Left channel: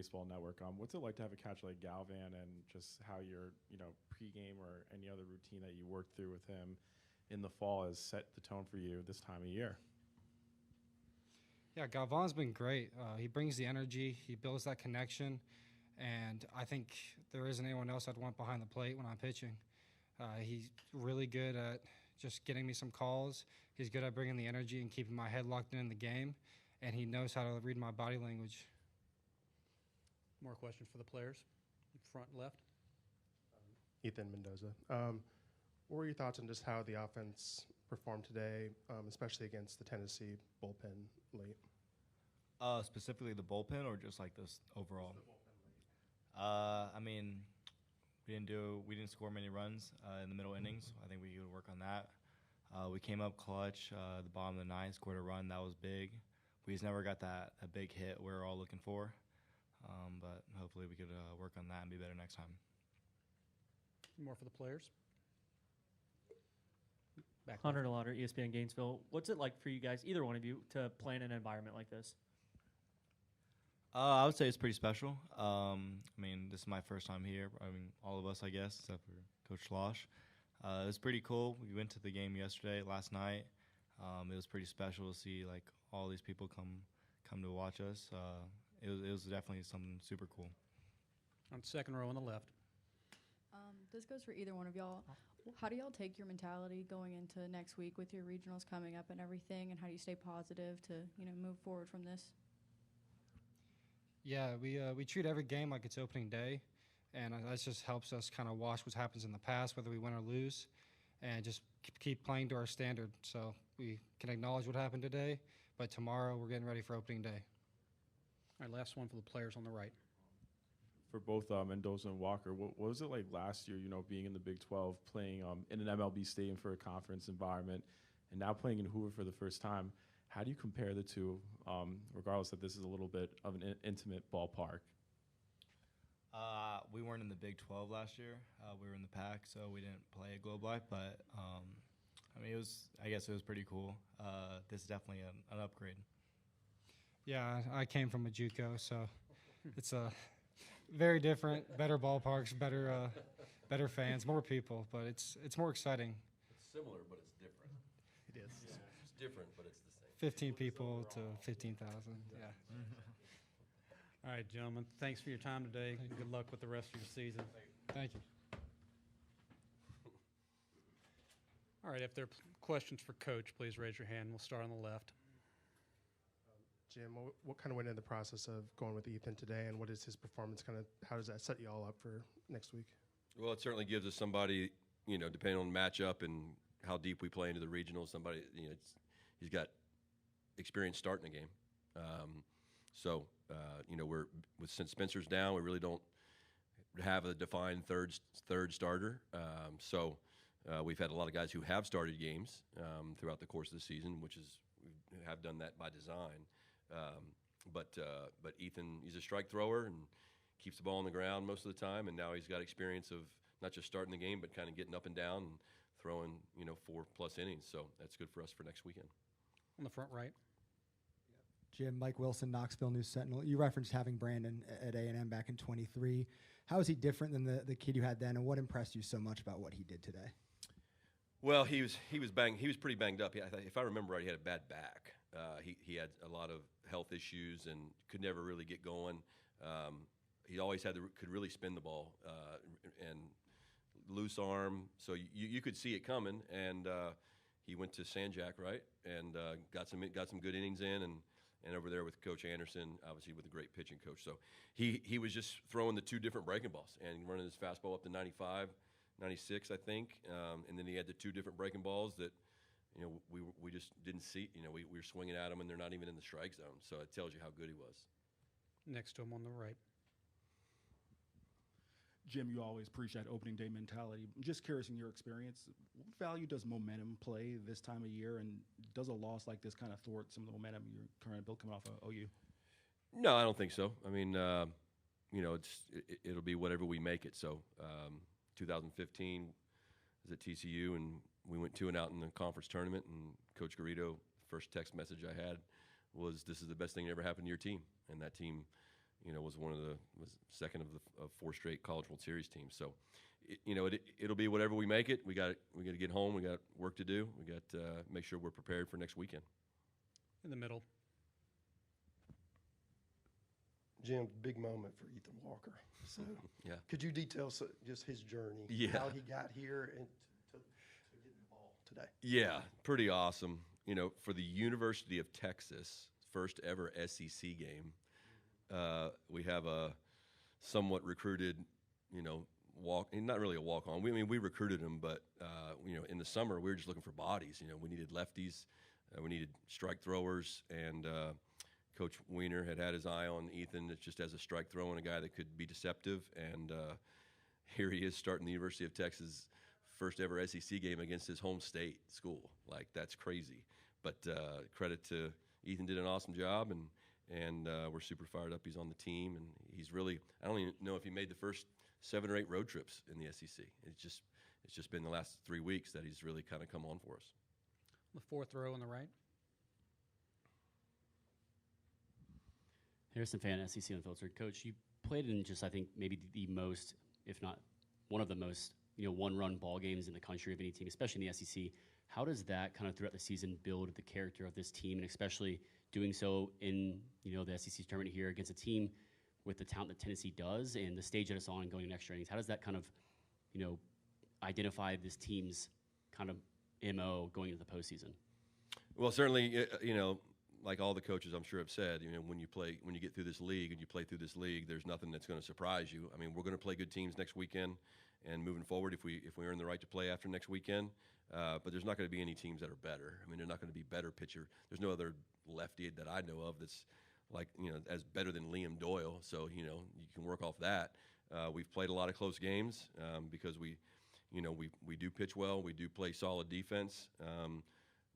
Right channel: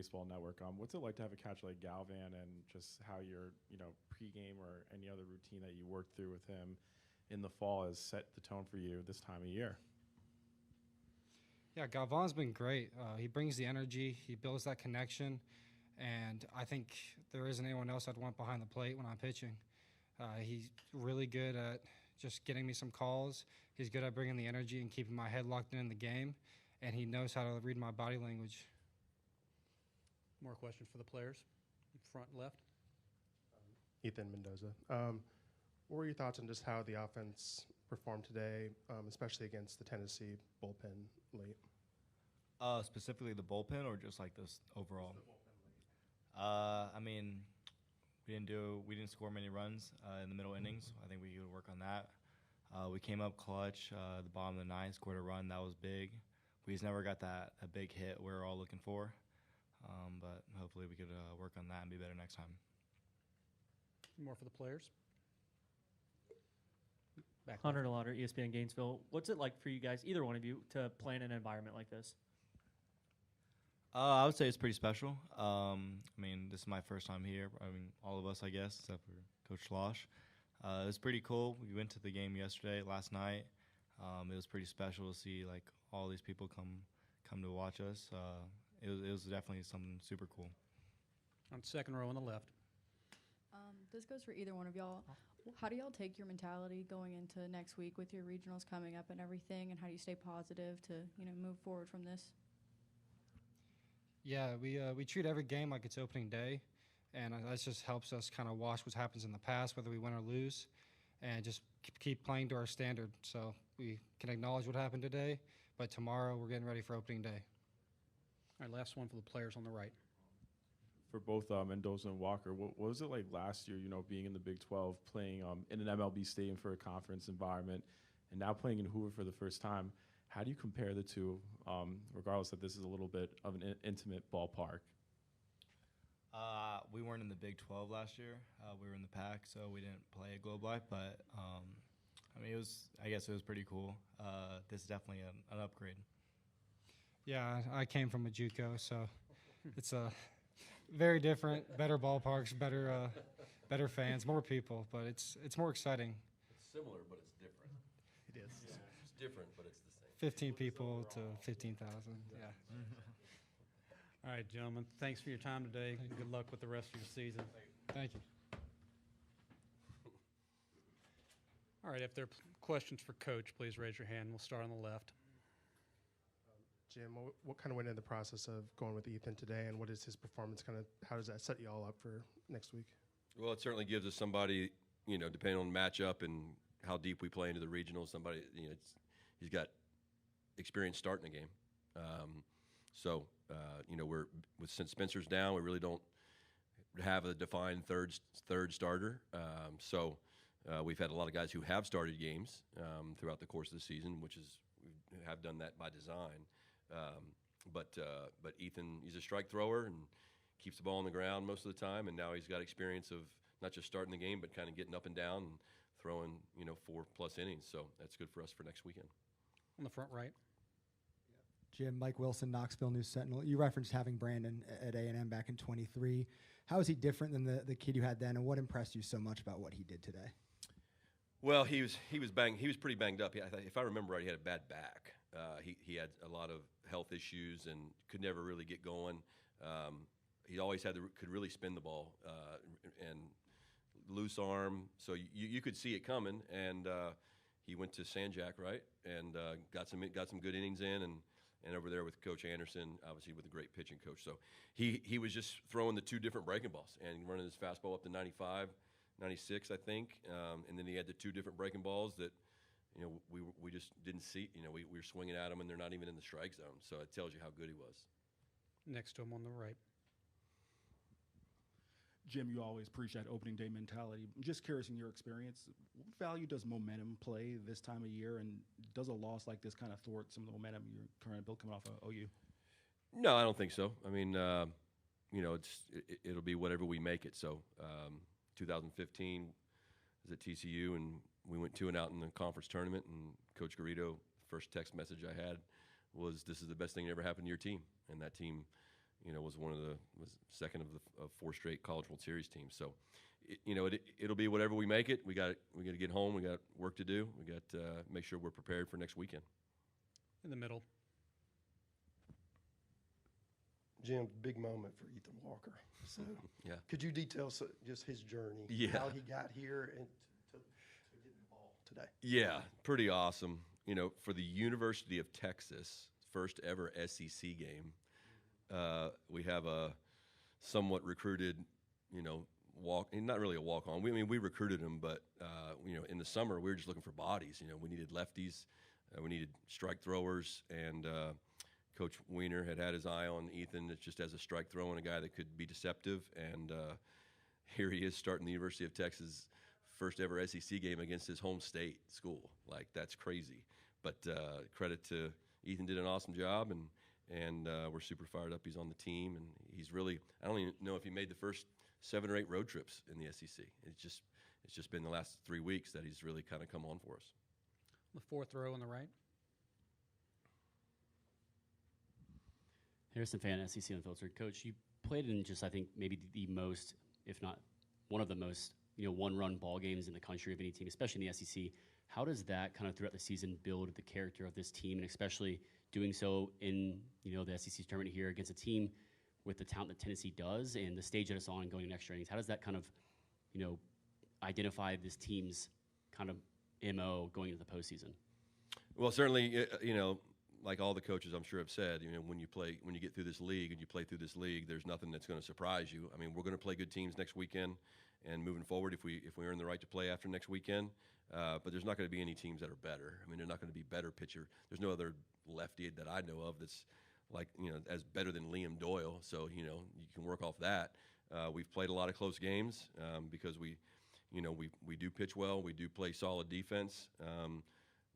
Baseball Network. What's it like to have a catcher like Galvan, and just how your pregame or any other routine that you worked through with him in the fall has set the tone for you this time of year? Yeah, Galvan's been great. He brings the energy. He builds that connection. And I think there isn't anyone else I'd want behind the plate when I'm pitching. He's really good at just getting me some calls. He's good at bringing the energy and keeping my head locked in the game. And he knows how to read my body language. More questions for the players? Front left. Ethan Mendoza. What were your thoughts on just how the offense performed today, especially against the Tennessee bullpen late? Specifically the bullpen, or just like this overall? Just the bullpen. I mean, we didn't score many runs in the middle innings. I think we could work on that. We came up clutch the bottom of the ninth, scored a run that was big. We just never got a big hit we were all looking for. But hopefully we could work on that and be better next time. More for the players. Hunter Lauder, ESPN Gainesville. What's it like for you guys, either one of you, to play in an environment like this? I would say it's pretty special. I mean, this is my first time here. I mean, all of us, I guess, except for Coach Schloss. It was pretty cool. We went to the game last night. It was pretty special to see like all these people come to watch us. It was definitely something super cool. On second row on the left. This goes for either one of y'all. How do y'all take your mentality going into next week with your regionals coming up and everything, and how do you stay positive to move forward from this? Yeah, we treat every game like it's opening day, and that just helps us kind of watch what happens in the past, whether we win or lose, and just keep playing to our standard. So we can acknowledge what happened today, but tomorrow we're getting ready for opening day. All right, last one for the players on the right. For both Mendoza and Walker, what was it like last year, being in the Big 12, playing in an MLB stadium for a conference environment, and now playing in Hoover for the first time? How do you compare the two, regardless that this is a little bit of an intimate ballpark? We weren't in the Big 12 last year. We were in the Pac, so we didn't play at Globe Life. But I mean, I guess it was pretty cool. This is definitely an upgrade. Yeah, I came from a JUCO, so it's a very different, better ballparks, better fans, more people, but it's more exciting. It's similar, but it's different. It is. Yeah. It's different, but it's the same. 15 people to 15,000. Yeah. All right, gentlemen. Thanks for your time today. Good luck with the rest of your season. Thank you. All right, if there are questions for Coach, please raise your hand. We'll start on the left. Jim, what kind of went into the process of going with Ethan today, and what is his performance how does that set you all up for next week? Well, it certainly gives us somebody, depending on the matchup and how deep we play into the regional, somebody, he's got experience starting a game. We're since Spencer's down, we really don't have a defined third starter. We've had a lot of guys who have started games throughout the course of the season, we have done that by design. But Ethan, he's a strike thrower and keeps the ball on the ground most of the time, and now he's got experience of not just starting the game, but kind of getting up and down and throwing, 4+ innings. So that's good for us for next weekend. On the front right. Jim, Mike Wilson, Knoxville News Sentinel. You referenced having Brandon at A&M back in 23. How is he different than the kid you had then, and what impressed you so much about what he did today? Well, he was pretty banged up. If I remember right, he had a bad back. He had a lot of health issues and could never really get going. He always could really spin the ball and loose arm, so you could see it coming. And he went to Sanjak, right, and got some good innings in, and over there with Coach Anderson, obviously with a great pitching coach. So he was just throwing the two different breaking balls and running his fastball up to 95. 96, I think, and then he had the two different breaking balls that, we just didn't see. We were swinging at them, and they're not even in the strike zone. So it tells you how good he was. Next to him on the right. Jim, you always preach that opening day mentality. I'm just curious, in your experience, what value does momentum play this time of year, and does a loss like this kind of thwart some of the momentum you're trying to build coming off of OU? No, I don't think so. I mean, it'll be whatever we make it. So 2015 was at TCU, and we went 2-0 in the conference tournament, and Coach Garrido, first text message I had was, "This is the best thing that ever happened to your team." And that team was was second of 4 straight College World Series teams. So, it'll be whatever we make it. We got to get home. We got work to do. We got to make sure we're prepared for next weekend. In the middle. Jim, big moment for Ethan Walker. So, Yeah. Could you detail just his journey, Yeah. how he got here, and to get the ball today? Yeah, pretty awesome. For the University of Texas, first ever SEC game, we have a somewhat recruited, not really a walk-on. We recruited him, but, in the summer, we were just looking for bodies. We needed lefties, we needed strike throwers, and Coach Weiner had his eye on Ethan just as a strike thrower and a guy that could be deceptive. And here he is starting the University of Texas' first ever SEC game against his home state school. Like, that's crazy. But credit to Ethan, did an awesome job, and we're super fired up. He's on the team, and he's really, I don't even know if he made the first 7 or 8 road trips in the SEC. It's just been the last 3 weeks that he's really kind of come on for us. The 4th row on the right. Harrison Fan, SEC Unfiltered. Coach, you played in just, I think, maybe the most, if not one of the most, one-run ball games in the country of any team, especially in the SEC. How does that kind of throughout the season build the character of this team, and especially doing so in, the SEC tournament here against a team with the talent that Tennessee does and the stage that it's on and going in extra innings? How does that kind of, identify this team's kind of MO going into the postseason? Well, certainly, like all the coaches I'm sure have said, when you get through this league and you play through this league, there's nothing that's going to surprise you. I mean, we're going to play good teams next weekend, and moving forward, if we earn the right to play after next weekend, but there's not going to be any teams that are better. I mean, they're not going to be better pitcher. There's no other lefty that I know of that's like as better than Liam Doyle. So you can work off that. We've played a lot of close games because we do pitch well. We do play solid defense.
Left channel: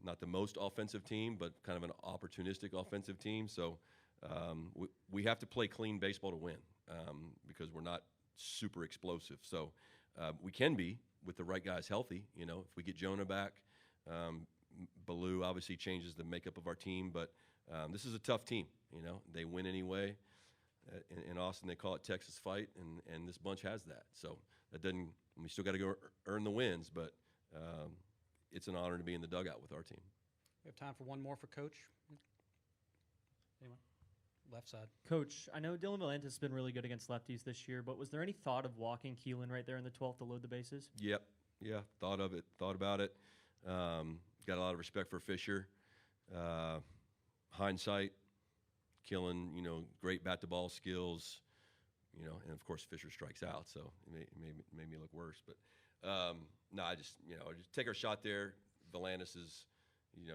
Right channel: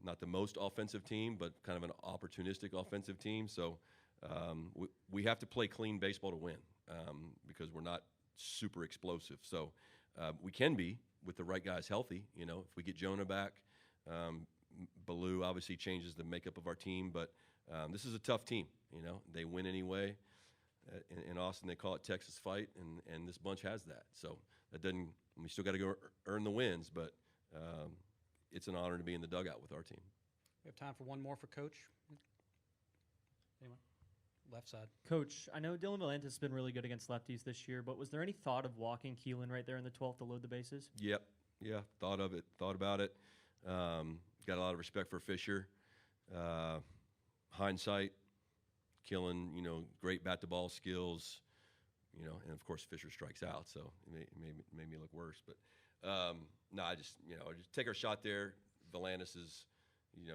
Not the most offensive team, but kind of an opportunistic offensive team. So we have to play clean baseball to win because we're not super explosive. So we can be with the right guys healthy. If we get Jonah back, Baloo obviously changes the makeup of our team. But this is a tough team. They win anyway. In Austin, they call it Texas fight, and this bunch has that. So that doesn't. We still got to go earn the wins, but. It's an honor to be in the dugout with our team. We have time for one more for Coach. Anyone? Left side. Coach, I know Dylan Valantis has been really good against lefties this year, but was there any thought of walking Keelan right there in the 12th to load the bases? Yep. Yeah, thought about it. Got a lot of respect for Fisher. Hindsight, Keelan, great bat-to-ball skills, and, of course, Fisher strikes out, so it made me look worse. But no, I just take our shot there. Valantis is,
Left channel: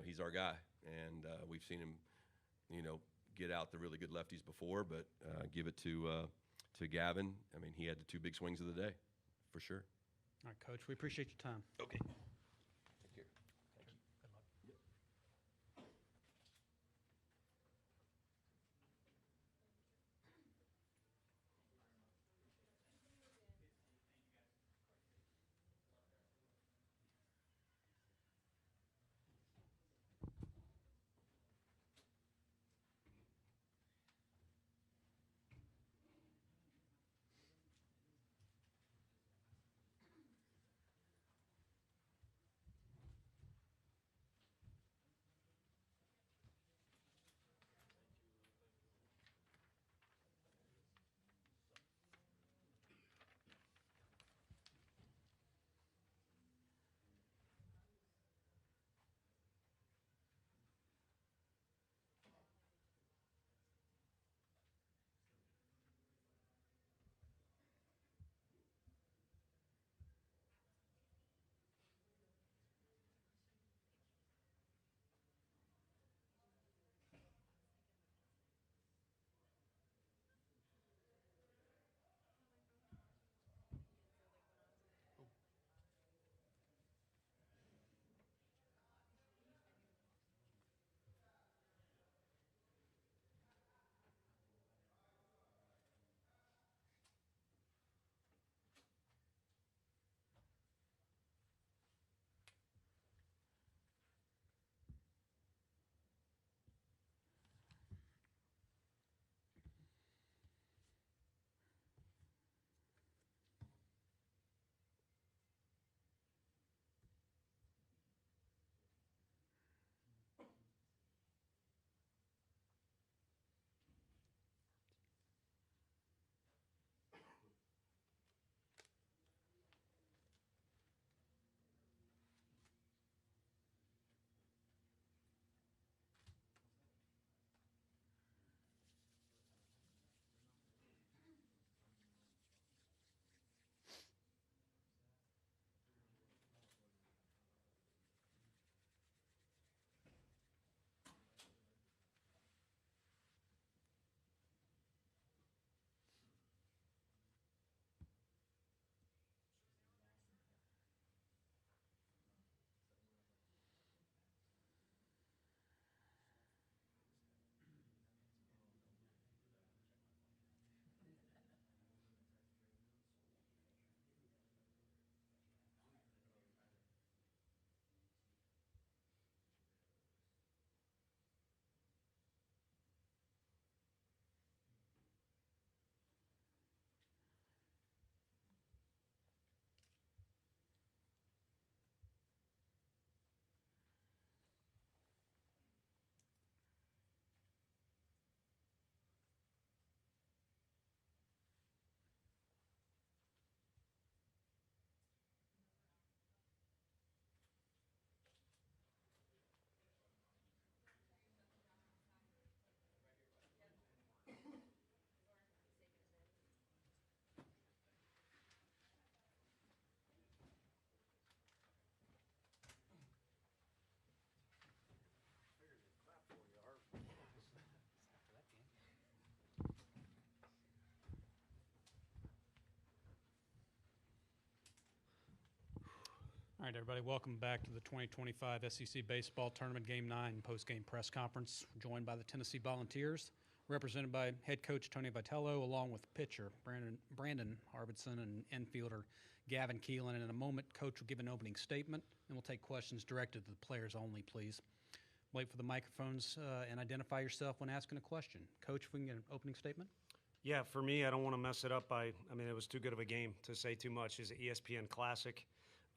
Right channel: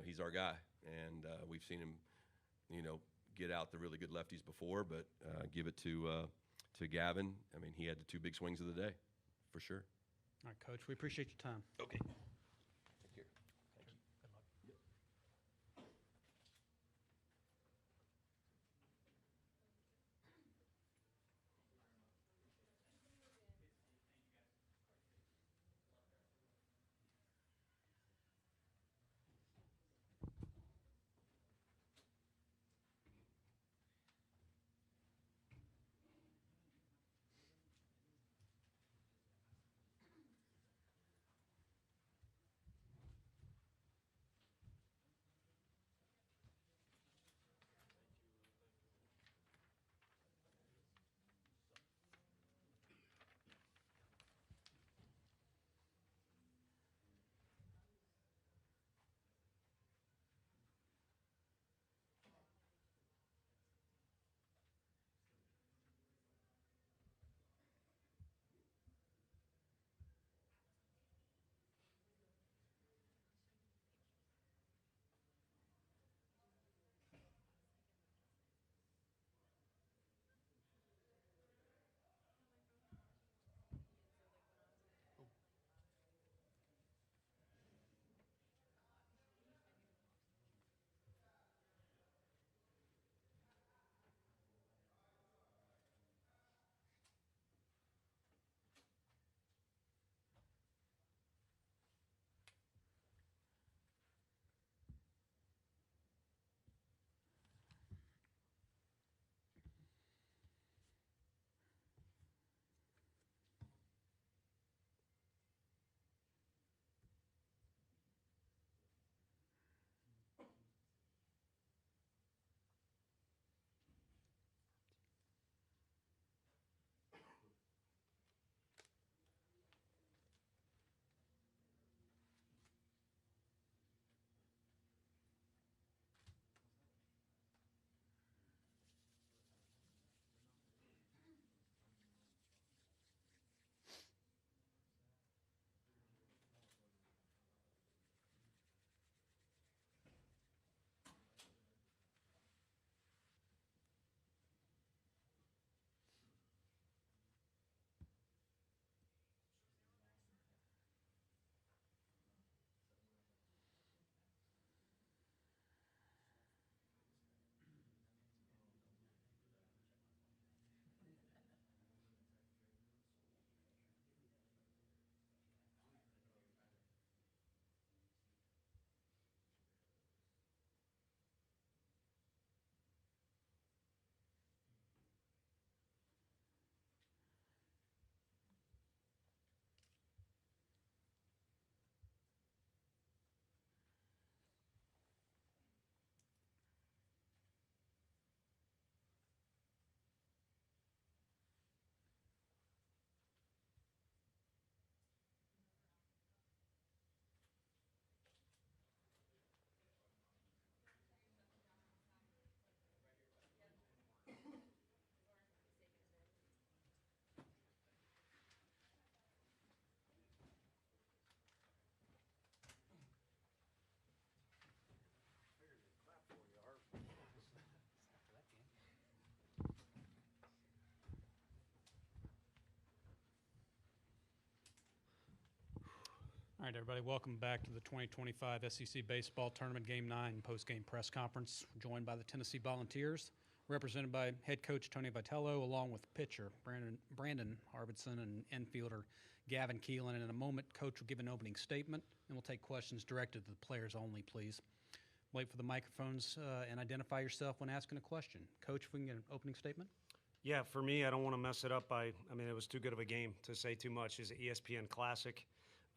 he's our guy, and we've seen him, get out the really good lefties before. But give it to Gavin. I mean, he had the 2 big swings of the day, for sure. All right, Coach, we appreciate your time. Okay. right, everybody, welcome back to the 2025 SEC Baseball Tournament Game 9 post-game press conference. We're joined by the Tennessee Volunteers, represented by head coach Tony Vitello, along with pitcher Brandon Arvidsson and infielder Gavin Keelan. And in a moment, Coach will give an opening statement, and we'll take questions directed to the players only, please. Wait for the microphones and identify yourself when asking a question. Coach, if we can get an opening statement. Yeah, for me, I don't want to mess it up. I mean, it was too good of a game to say too much. It's an ESPN Classic.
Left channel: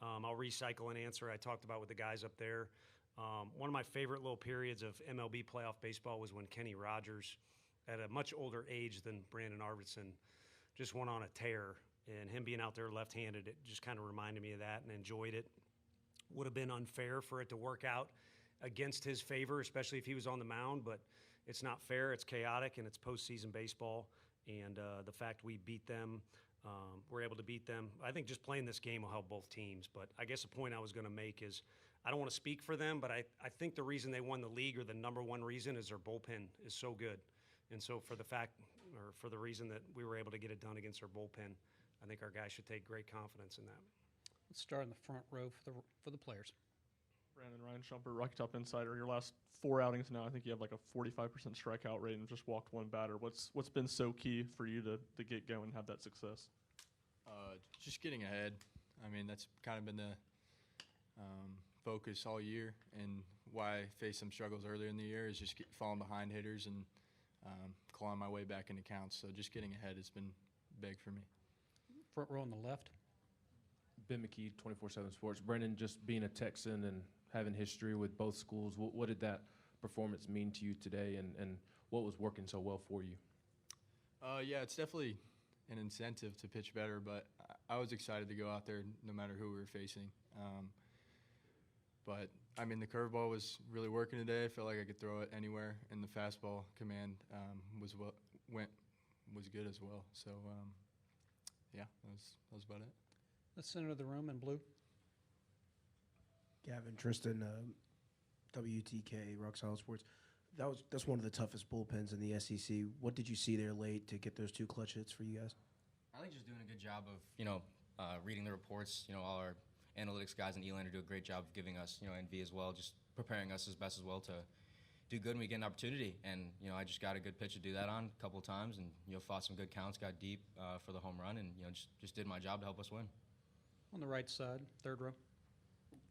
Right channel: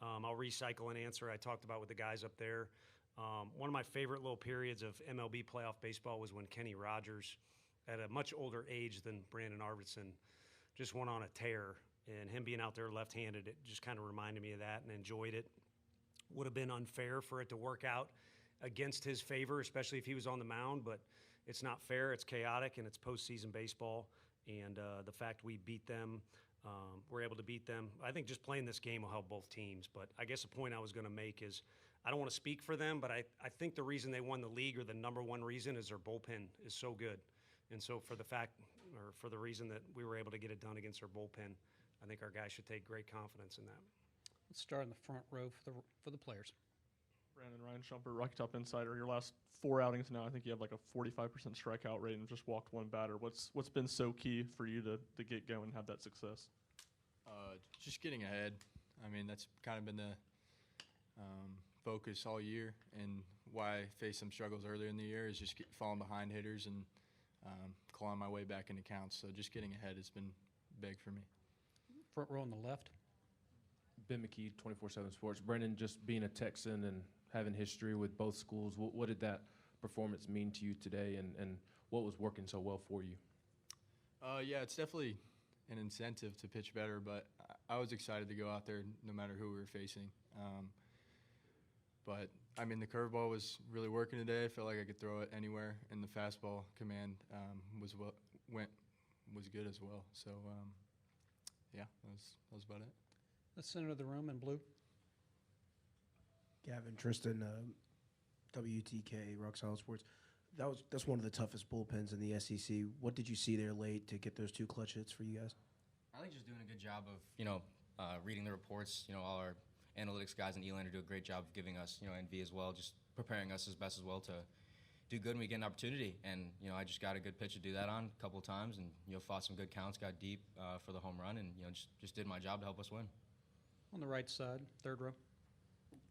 I'll recycle an answer I talked about with the guys up there. One of my favorite little periods of MLB playoff baseball was when Kenny Rogers, at a much older age than Brandon Arvidsson, just went on a tear. And him being out there left-handed, it just kind of reminded me of that and enjoyed it. Would have been unfair for it to work out against his favor, especially if he was on the mound, but it's not fair. It's chaotic, and it's postseason baseball. And the fact we beat them, we're able to beat them. I think just playing this game will help both teams. But I guess the point I was going to make is I don't want to speak for them, but I think the reason they won the league, or the number one reason, is their bullpen is so good. And so for the reason that we were able to get it done against our bullpen, I think our guys should take great confidence in that. Let's start in the front row for the players. Brandon Ryan Shumper, Rocky Top Insider. Your last 4 outings now, I think you have like a 45% strikeout rate and just walked one batter. What's been so key for you to get going and have that success? Just getting ahead. I mean, that's kind of been the focus all year, and why I faced some struggles earlier in the year is just falling behind hitters and clawing my way back into counts. So just getting ahead has been big for me. Front row on the left. Ben McKee, 24/7 Sports. Brendan, just being a Texan and having history with both schools, what did that performance mean to you today, and what was working so well for you? Yeah, it's definitely an incentive to pitch better, but I was excited to go out there no matter who we were facing. But, I mean, the curveball was really working today. I felt like I could throw it anywhere, and the fastball command was good as well. So, yeah, that was about it. The center of the room in blue. Gavin, Tristan, WTK, Rock Solid Sports. That's one of the toughest bullpens in the SEC. What did you see there late to get those 2 clutch hits for you guys? I think just doing a good job of, reading the reports. All our analytics guys and Elander do a great job of giving us, NV as well, just preparing us as best as well to do good when we get an opportunity. And, I just got a good pitch to do that on a couple of times and, fought some good counts, got deep for the home run, and, just did my job to help us win. On the right side, third row.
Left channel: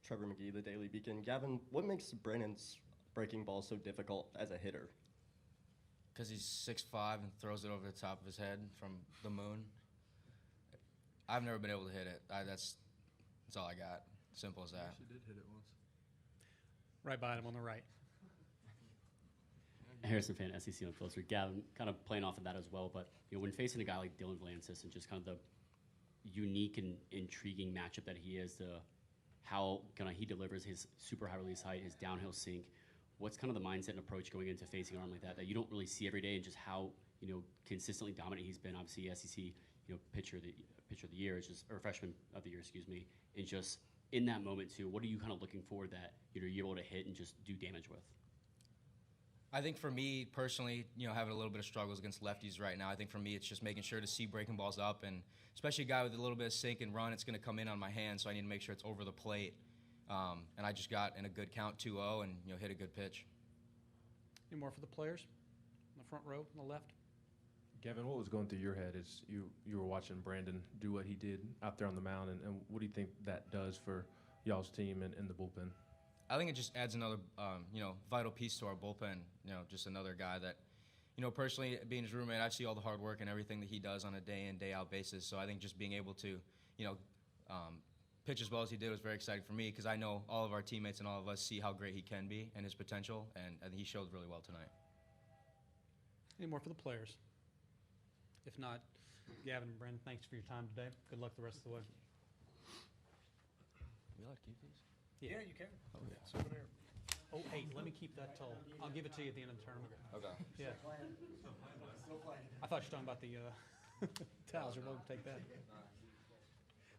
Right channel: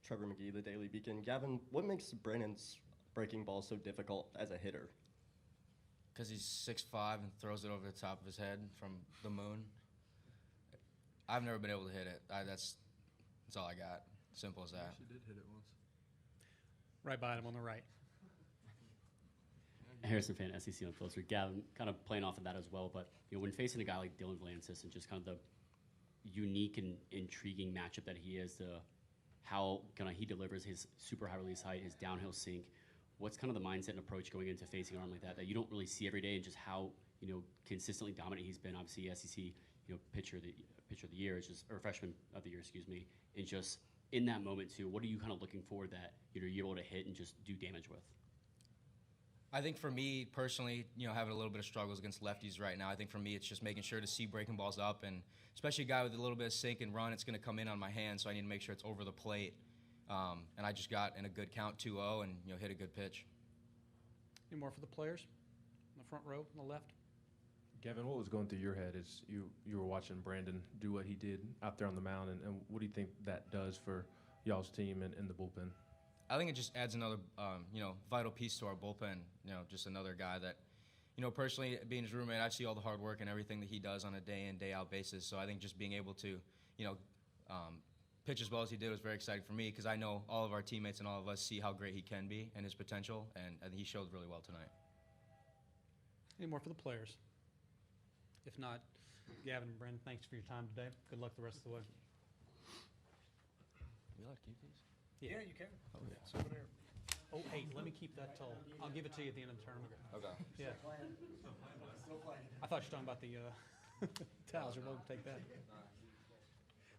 Trevor McGee, the Daily Beacon. Gavin, what makes Brandon's breaking ball so difficult as a hitter? Because he's 6'5" and throws it over the top of his head from the moon. I've never been able to hit it. That's all I got. Simple as that. She did hit it once. Right by him on the right. Harrison fan, SEC Unfiltered. Gavin, kind of playing off of that as well, but when facing a guy like Dylan Valencia and just kind of the unique and intriguing matchup that he is, how he delivers his super high release height, his downhill sink. What's kind of the mindset and approach going into facing an arm like that you don't really see every day, and just how consistently dominant he's been? Obviously, SEC pitcher of the year, or freshman of the year, excuse me. And just in that moment too, what are you kind of looking for that you're able to hit and just do damage with? I think for me personally, having a little bit of struggles against lefties right now, I think for me it's just making sure to see breaking balls up, and especially a guy with a little bit of sink and run, it's going to come in on my hand, so I need to make sure it's over the plate. And I just got in a good count 2-0 and hit a good pitch. Any more for the players? In the front row, on the left. Gavin, what was going through your head as you were watching Brandon do what he did out there on the mound, and what do you think that does for y'all's team and the bullpen? I think it just adds another, vital piece to our bullpen. Just another guy that, personally, being his roommate, I see all the hard work and everything that he does on a day in, day out basis. So I think just being able to, pitch as well as he did was very exciting for me, because I know all of our teammates and all of us see how great he can be and his potential, and I think he showed really well tonight. Any more for the players? If not, Gavin and Brendan, thanks for your time today. Good luck the rest of the way. We like to keep these? Yeah, you can. Oh, yeah. It's over there. Oh, hey, let me keep that till. I'll give it to you at the end of the tournament. Okay. Yeah. I thought you were talking about the towels. You're welcome to take that.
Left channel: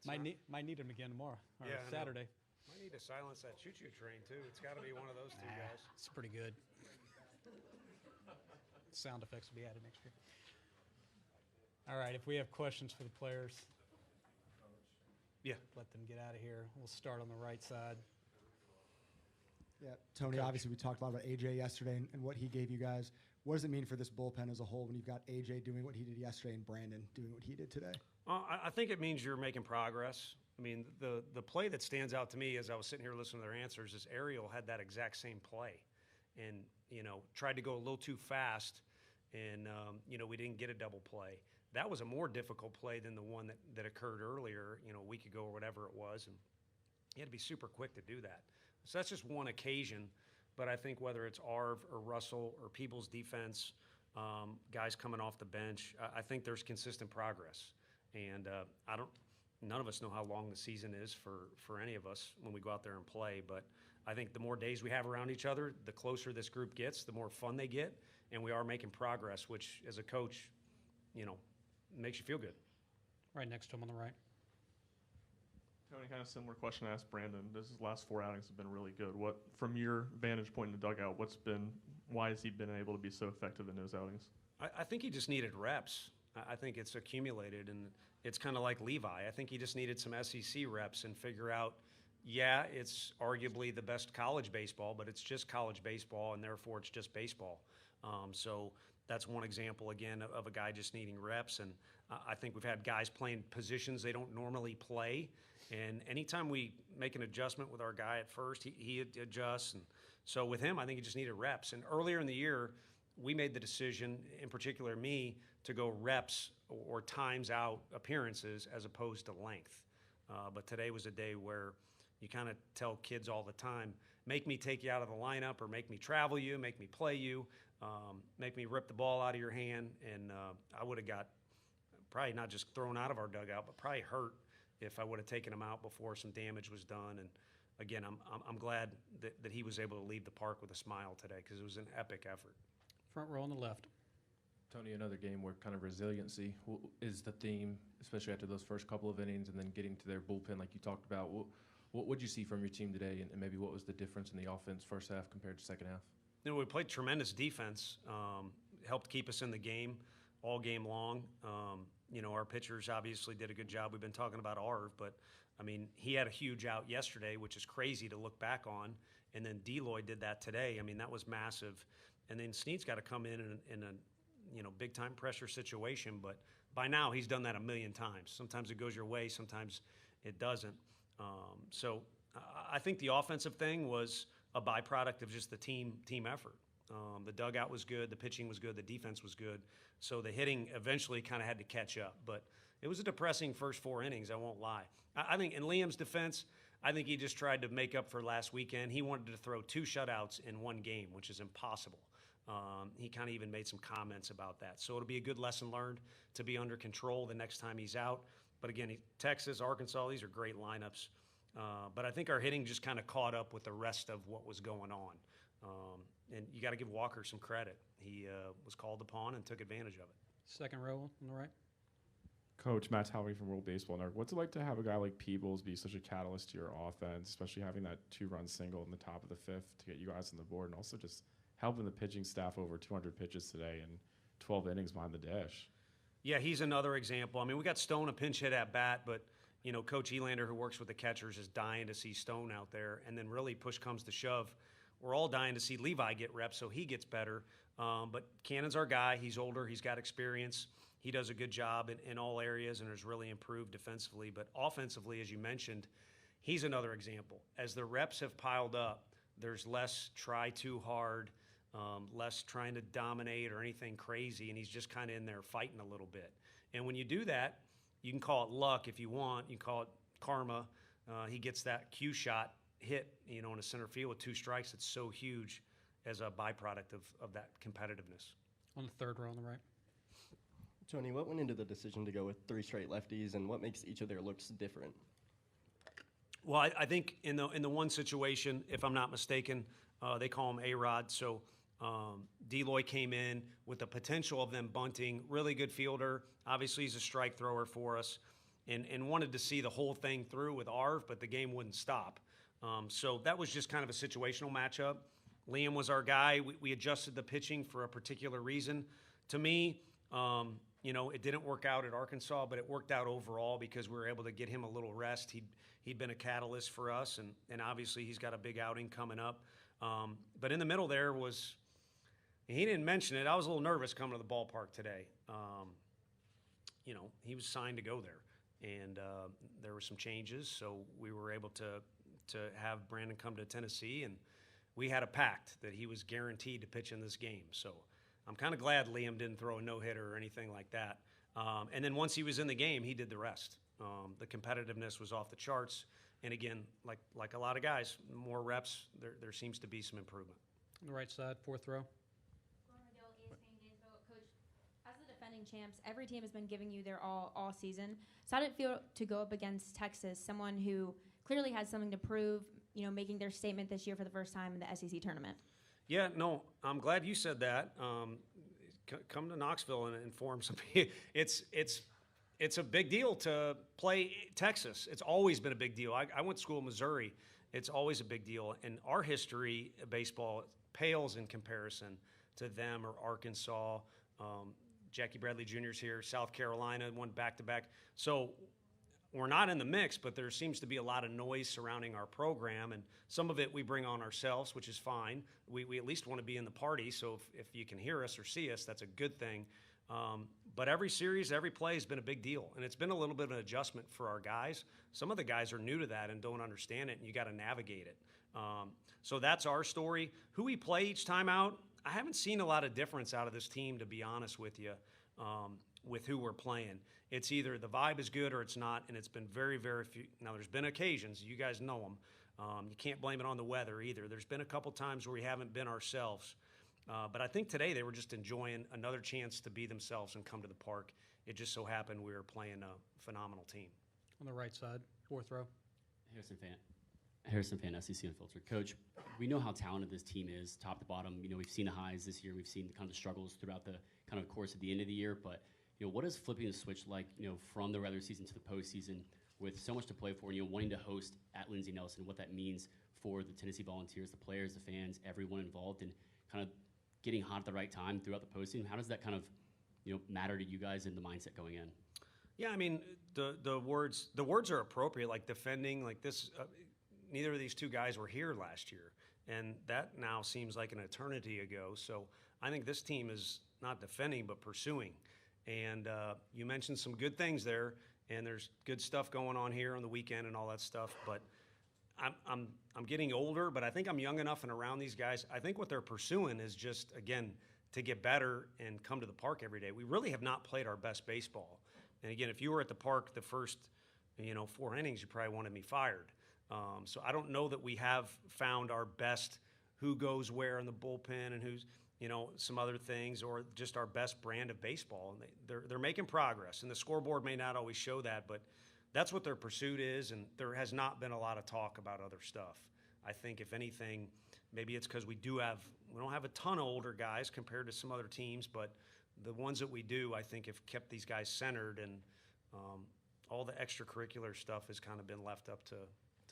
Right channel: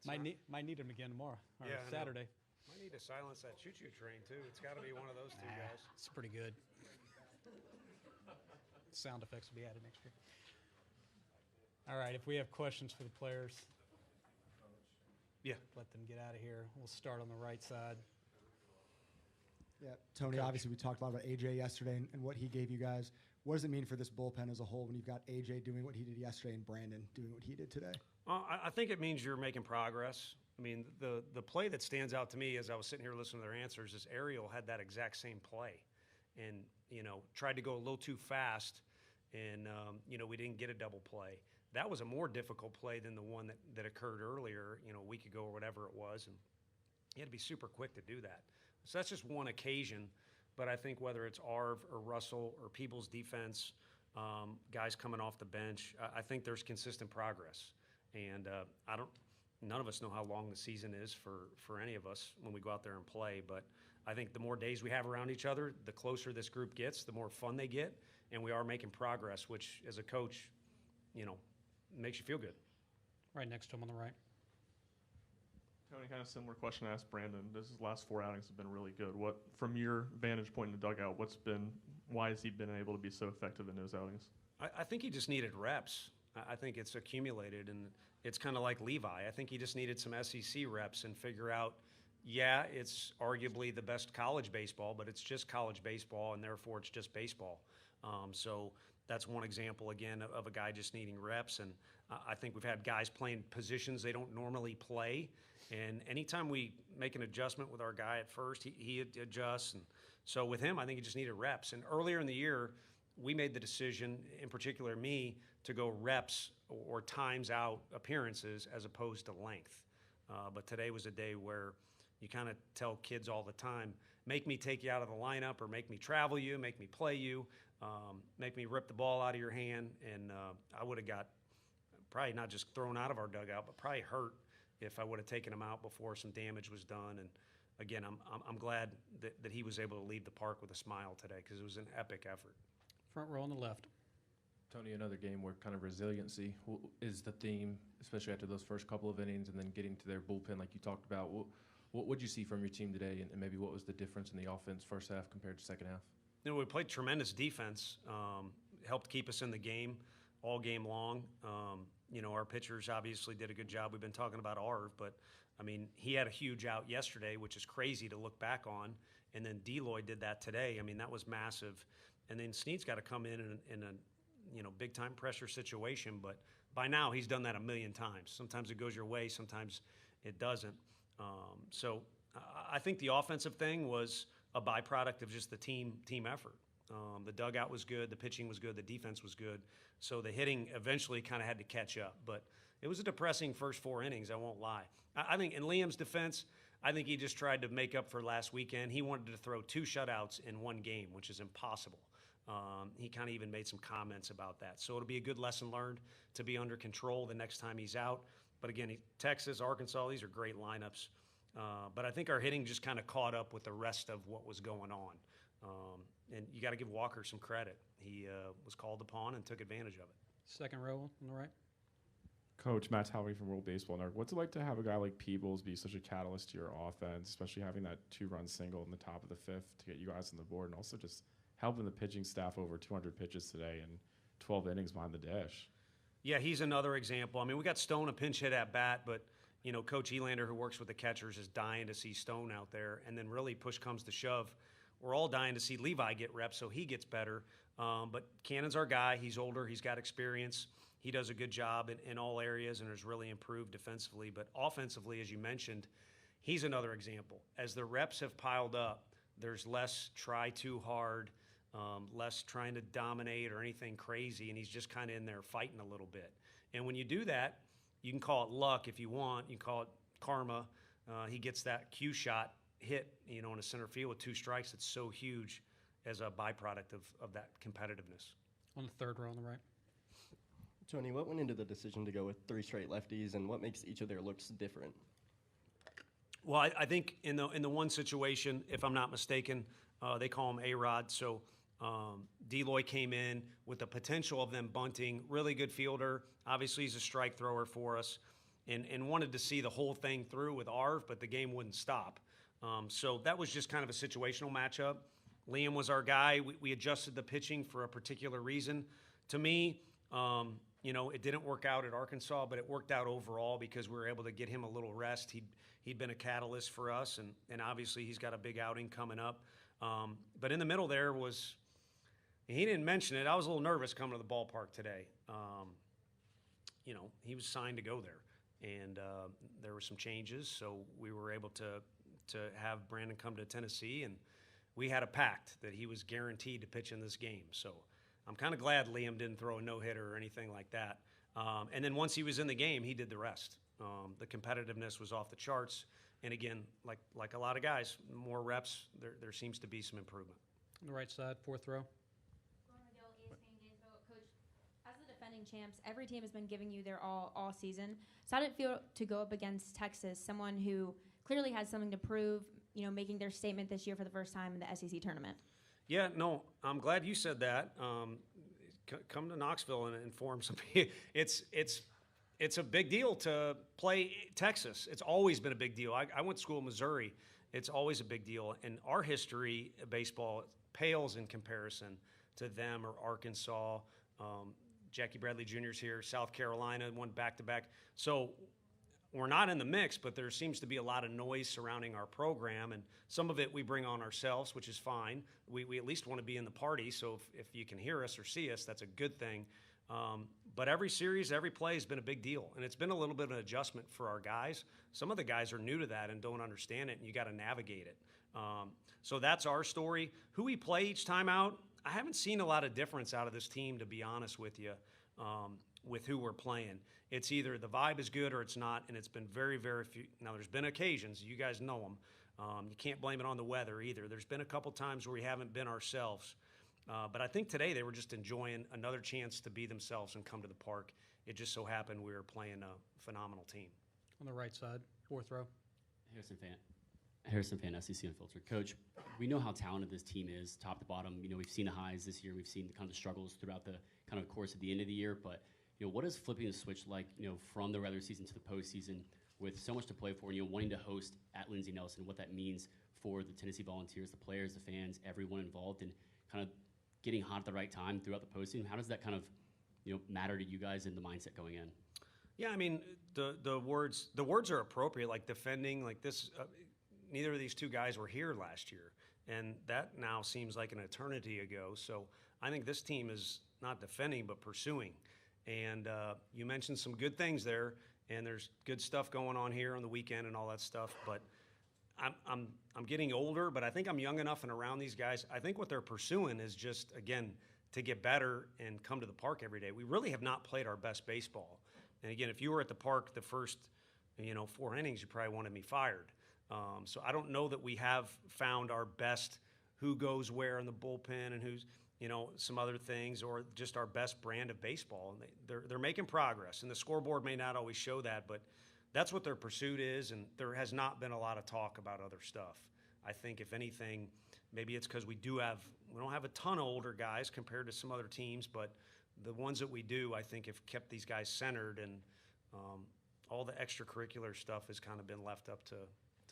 Might need them again tomorrow or Saturday. Might need to silence that choo-choo train, too. It's got to be one of those 2 guys. It's pretty good. Sound effects will be added next year. All right, if we have questions for the players. Yeah, let them get out of here. We'll start on the right side. Yeah, Tony, Coach. obviously we talked a lot about AJ yesterday and what he gave you guys. What does it mean for this bullpen as a whole when you've got AJ doing what he did yesterday and Brandon doing what he did today? I think it means you're making progress. I mean, the play that stands out to me as I was sitting here listening to their answers is Ariel had that exact same play and, tried to go a little too fast and, we didn't get a double play. That was a more difficult play than the one that occurred earlier, a week ago or whatever it was. And he had to be super quick to do that. So that's just one occasion. But I think whether it's Arv or Russell or People's defense, guys coming off the bench, I think there's consistent progress. And none of us know how long the season is for any of us when we go out there and play. But I think the more days we have around each other, the closer this group gets, the more fun they get. And we are making progress, which as a coach, makes you feel good. Right next to him on the right. Tony, kind of similar question I asked Brandon. His last 4 outings have been really good. What, from your vantage point in the dugout, why has he been able to be so effective in those outings? I think he just needed reps. I think it's accumulated, and it's kind of like Levi. I think he just needed some SEC reps and figure out, it's arguably the best college baseball, but it's just college baseball, and therefore it's just baseball. So that's one example, again, of a guy just needing reps. And I think we've had guys playing positions they don't normally play. And anytime we make an adjustment with our guy at first, he adjusts. And so with him, I think he just needed reps. And earlier in the year, we made the decision, in particular me, to go reps or times out appearances as opposed to length. But today was a day where you kind of tell kids all the time, make me take you out of the lineup or make me travel you, make me play you, make me rip the ball out of your hand. And I would have got probably not just thrown out of our dugout, but probably hurt if I would have taken him out before some damage was done. And again, I'm glad that he was able to leave the park with a smile today because it was an epic effort. Front row on the left. Tony, another game where kind of resiliency is the theme, especially after those first couple of innings and then getting to their bullpen like you talked about. What would you see from your team today, and maybe what was the difference in the offense first half compared to second half? We played tremendous defense, helped keep us in the game all game long. Our pitchers obviously did a good job. We've been talking about Arv, but, he had a huge out yesterday, which is crazy to look back on, and then Deloy did that today. That was massive. And then Snead's got to come in a big-time pressure situation, but by now he's done that a million times. Sometimes it goes your way, sometimes it doesn't. So I think the offensive thing was a byproduct of just the team effort. The dugout was good, the pitching was good, the defense was good. So the hitting eventually kind of had to catch up. But it was a depressing first 4 innings, I won't lie. I think in Liam's defense, I think he just tried to make up for last weekend. He wanted to throw 2 shutouts in one game, which is impossible. He kind of even made some comments about that. So it'll be a good lesson learned to be under control the next time he's out. But again, Texas, Arkansas, these are great lineups. But I think our hitting just kind of caught up with the rest of what was going on. And you got to give Walker some credit. He was called upon and took advantage of it. Second row on the right. Coach, Matt Towery from World Baseball Network. What's it like to have a guy like Peebles be such a catalyst to your offense, especially having that 2-run single in the top of the 5th to get you guys on the board, and also just helping the pitching staff over 200 pitches today and 12 innings behind the dish? Yeah, he's another example. We got Stone a pinch hit at bat, but Coach Elander, who works with the catchers, is dying to see Stone out there. And then really push comes to shove. We're all dying to see Levi get reps so he gets better. But Cannon's our guy. He's older. He's got experience. He does a good job in all areas and has really improved defensively. But offensively, as you mentioned, he's another example. As the reps have piled up, there's less try too hard, less trying to dominate or anything crazy, and he's just kind of in there fighting a little bit. And when you do that, you can call it luck if you want. You can call it karma. He gets that cue shot hit, in a center field with 2 strikes. It's so huge as a byproduct of that competitiveness. On the third row on the right. Tony, what went into the decision to go with 3 straight lefties, and what makes each of their looks different? Well, I think in the one situation, if I'm not mistaken, they call him A-Rod. So Deloy came in with the potential of them bunting. Really good fielder. Obviously, he's a strike thrower for us, and wanted to see the whole thing through with Arv, but the game wouldn't stop. So that was just kind of a situational matchup. Liam was our guy. We adjusted the pitching for a particular reason. To me, it didn't work out at Arkansas, but it worked out overall because we were able to get him a little rest. He'd been a catalyst for us, and obviously he's got a big outing coming up. But in the middle there was, he didn't mention it, I was a little nervous coming to the ballpark today. He was signed to go there, and there were some changes, so we were able to have Brandon come to Tennessee, and we had a pact that he was guaranteed to pitch in this game. So I'm kind of glad Liam didn't throw a no-hitter or anything like that. And then once he was in the game, he did the rest. The competitiveness was off the charts. And again, like a lot of guys, more reps, there seems to be some improvement. On the right side, fourth row. Coach, as the defending champs, every team has been giving you their all season. So how did it feel to go up against Texas, someone who clearly has something to prove, making their statement this year for the first time in the SEC tournament? Yeah, no, I'm glad you said that. Come to Knoxville and inform some. It's a big deal to play Texas. It's always been a big deal. I went to school in Missouri. It's always a big deal. And our history of baseball pales in comparison to them or Arkansas. Jackie Bradley Jr.'s here. South Carolina won back-to-back. So we're not in the mix, but there seems to be a lot of noise surrounding our program, and some of it we bring on ourselves, which is fine. We at least want to be in the party, so if you can hear us or see us, that's a good thing. But every series, every play has been a big deal, and it's been a little bit of an adjustment for our guys. Some of the guys are new to that and don't understand it, and you got to navigate it. So that's our story. Who we play each time out, I haven't seen a lot of difference out of this team, to be honest with you, with who we're playing. It's either the vibe is good or it's not, and it's been very, very few. Now, there's been occasions, you guys know them. You can't blame it on the weather either. There's been a couple times where we haven't been ourselves. But I think today they were just enjoying another chance to be themselves and come to the park. It just so happened we were playing a phenomenal team. On the right side, fourth row. Harrison Fan, SEC Unfiltered. Coach, we know how talented this team is, top to bottom. We've seen the highs this year. We've seen the kind of struggles throughout the kind of course of the end of the year. But what is flipping the switch like, from the regular season to the postseason with so much to play for and, wanting to host at Lindsey Nelson, what that means for the Tennessee Volunteers, the players, the fans, everyone involved, and kind of getting hot at the right time throughout the postseason? How does that kind of, matter to you guys in the mindset going in? Yeah, I mean, the words are appropriate, like defending, like this. Neither of these two guys were here last year, and that now seems like an eternity ago. So I think this team is not defending but pursuing. And you mentioned some good things there, and there's good stuff going on here on the weekend and all that stuff. But I'm getting older, but I think I'm young enough and around these guys. I think what they're pursuing is just, again, to get better and come to the park every day. We really have not played our best baseball. And again, if you were at the park the first, 4 innings, you probably wanted me fired. So I don't know that we have found our best who goes where in the bullpen and who's, some other things, or just our best brand of baseball. And they're making progress, and the scoreboard may not always show that, but that's what their pursuit is, and there has not been a lot of talk about other stuff. I think, if anything, maybe it's because we don't have a ton of older guys compared to some other teams, but the ones that we do, I think, have kept these guys centered, and all the extracurricular stuff has kind of been left up to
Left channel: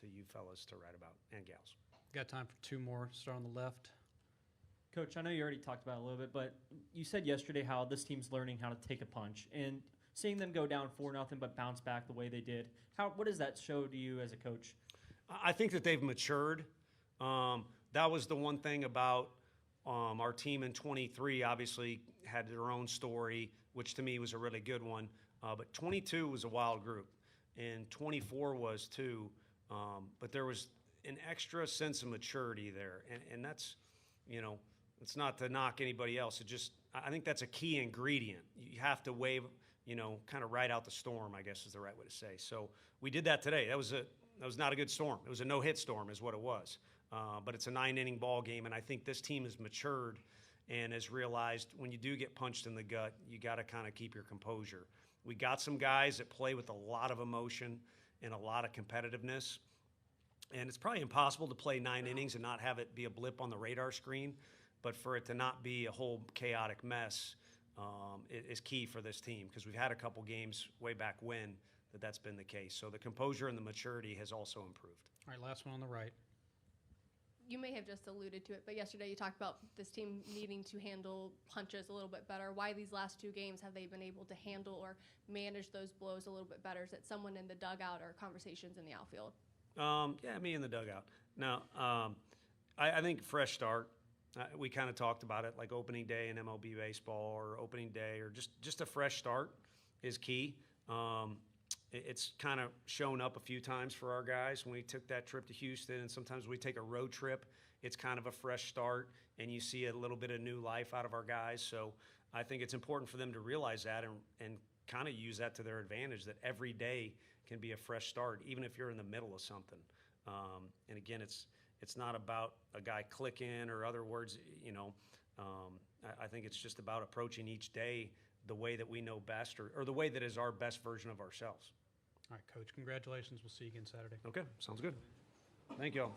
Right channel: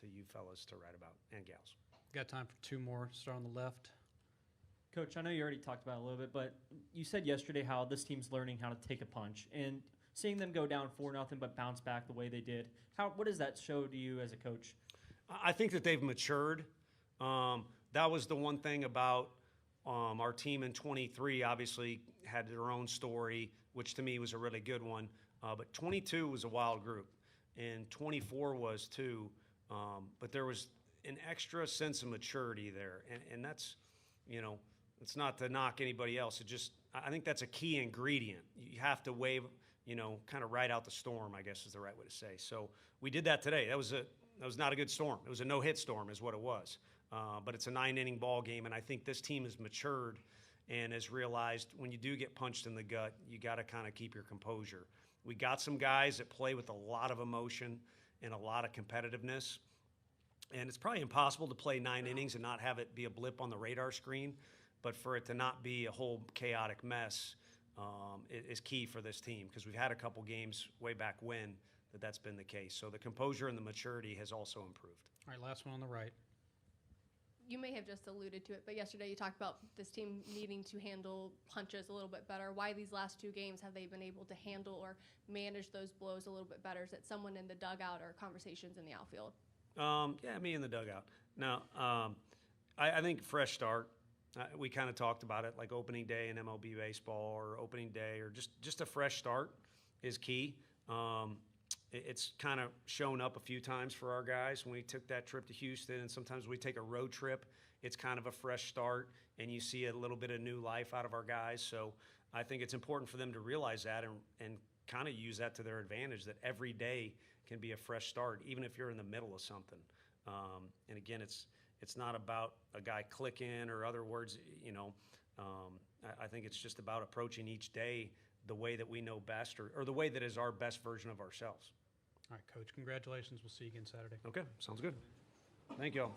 you fellas to write about, and gals. Got time for 2 more. Start on the left. Coach, I know you already talked about it a little bit, but you said yesterday how this team's learning how to take a punch, and seeing them go down 4-0 but bounce back the way they did, what does that show to you as a coach? I think that they've matured. That was the one thing about our team in 23, obviously had their own story, which to me was a really good one. But 22 was a wild group, and 24 was too. But there was an extra sense of maturity there, and that's, it's not to knock anybody else. I think that's a key ingredient. You have to wave, kind of ride out the storm, I guess is the right way to say. So we did that today. That was not a good storm. It was a no-hit storm is what it was. But it's a 9-inning ball game, and I think this team has matured and has realized when you do get punched in the gut, you got to kind of keep your composure. We got some guys that play with a lot of emotion and a lot of competitiveness, and it's probably impossible to play 9 innings and not have it be a blip on the radar screen, but for it to not be a whole chaotic mess is key for this team, because we've had a couple games way back when that's been the case. So the composure and the maturity has also improved. All right, last one on the right. you may have just alluded to it, but yesterday you talked about this team needing to handle punches a little bit better. Why these last 2 games have they been able to handle or manage those blows a little bit better? Is it someone in the dugout or conversations in the outfield? Yeah, me in the dugout. Now, I think fresh start. We kind of talked about it, like opening day in MLB baseball or opening day or just a fresh start is key. It's kind of shown up a few times for our guys when we took that trip to Houston, and sometimes we take a road trip. It's kind of a fresh start, and you see a little bit of new life out of our guys. So I think it's important for them to realize that and kind of use that to their advantage, that every day can be a fresh start, even if you're in the middle of something. And again, it's not about a guy clicking or other words, you know. I think it's just about approaching each day the way that we know best or the way that is our best version of ourselves. All right, Coach, congratulations. We'll see you again Saturday. Okay, sounds good. Thank you all.